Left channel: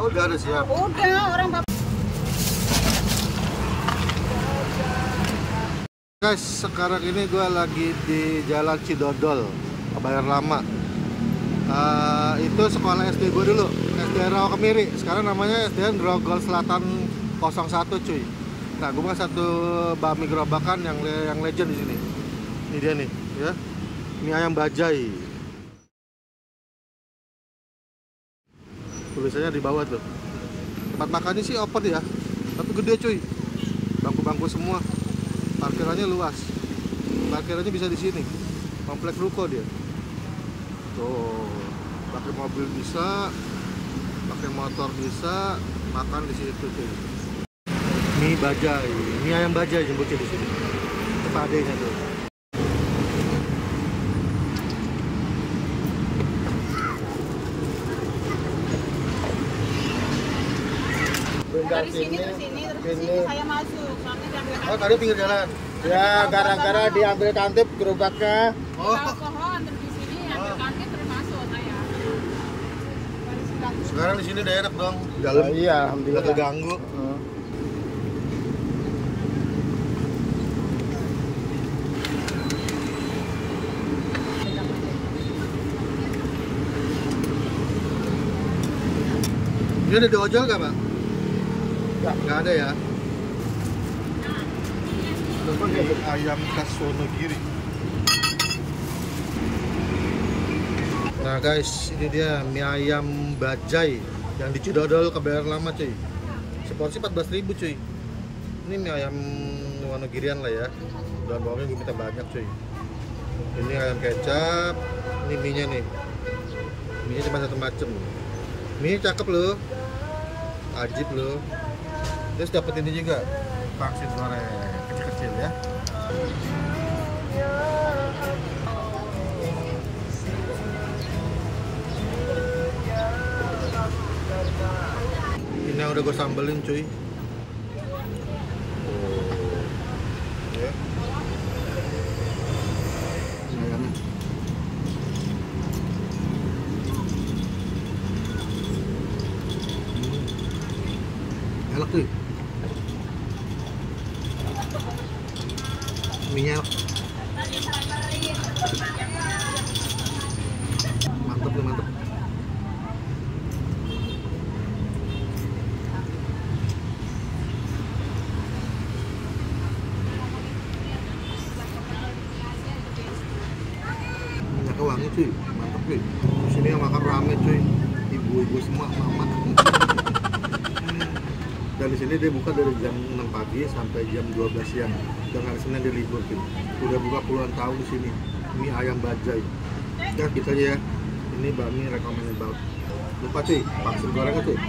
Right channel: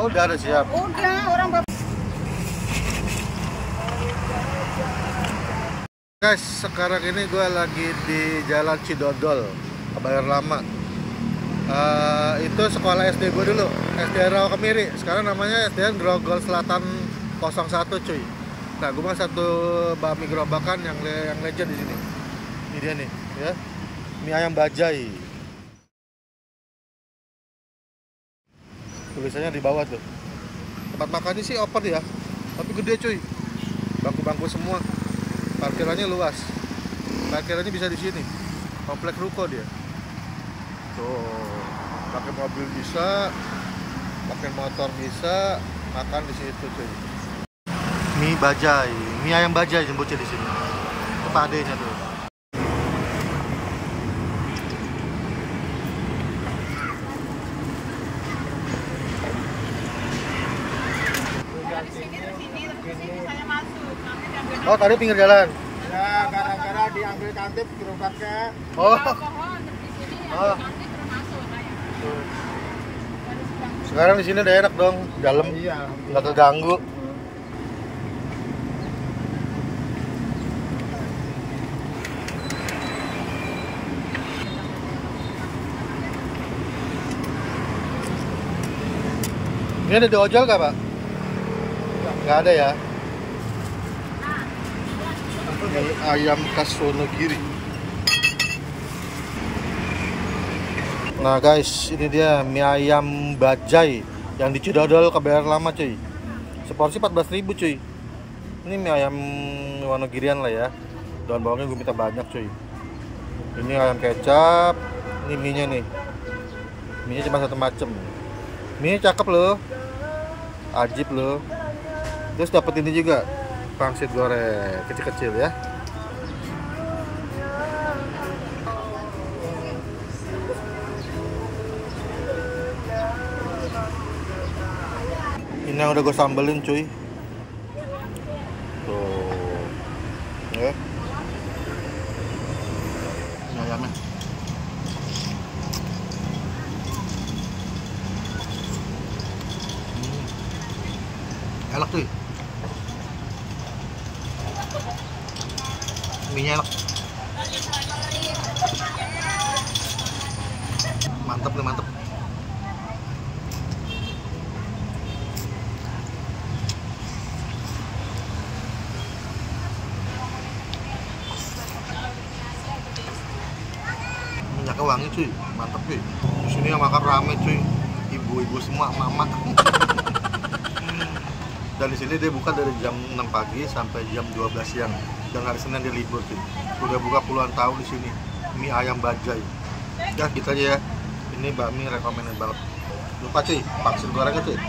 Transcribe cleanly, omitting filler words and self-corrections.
Oh, udah ada siap. Udah, orang bapak. Guys, sekarang ini gue lagi di Jalan Cidodol, Kebayoran Lama. Itu sekolah SD gue dulu, SD Rawa Kemiri. Sekarang namanya SDN Grogol Selatan 01 cuy. Nah, gue mau satu bakmi gerobakan yang legend di sini. Ini dia nih, ya. Mie ayam bajai. Tulisannya di bawah tuh. Tempat makannya sih open ya, tapi gede cuy. Bangku-bangku semua. Parkirannya luas. Parkirannya bisa di sini. Komplek ruko dia. Tuh, pakai mobil bisa, pakai motor bisa, makan di situ cuy. Mie bajai, mie ayam bajai jemputnya di sini. Itu padenya tuh. Dari sini terus sini saya masuk. Oh, tadi pinggir jalan. Ya, gara-gara diambil tantip gerobaknya. Oh. Pohon terus di sini ada kaki terus masuk saya. Sekarang di sini udah enak dong, dalam. Iya, Nggak keganggu. Ini ada di ojol nggak, Pak? Nggak ada ya? Mie ayam khas Wonogiri. Nah guys, ini dia mie ayam bajai yang di Cidodol Kebayoran Lama cuy. Seporsi 14.000 cuy. Ini mie ayam Wonogirian lah ya. Daun bawangnya gue minta banyak cuy. Ini ayam kecap. Ini mie-nya nih. Mie-nya cuma satu macem. Mie cakep loh. Ajib loh. Terus dapat ini juga, pangsit goreng kecil-kecil ya. Ini yang udah gue sambelin cuy. Tuh, ya. Ini ayamnya. Enak tuh. Mie-nya enak. Mantep nih, mantep. Minyaknya wangi cuy, mantep cuy. Di sini yang makan rame cuy, ibu-ibu semua, mama. Dan di sini dia buka dari jam 6 pagi sampai jam 12 siang. Dan hari Senin dia libur cuy. Udah buka puluhan tahun di sini. Mie ayam bajai. Ya, kita aja ya. Ini bakmi recommended banget. Lupa cuy, pangsit gorengnya cuy.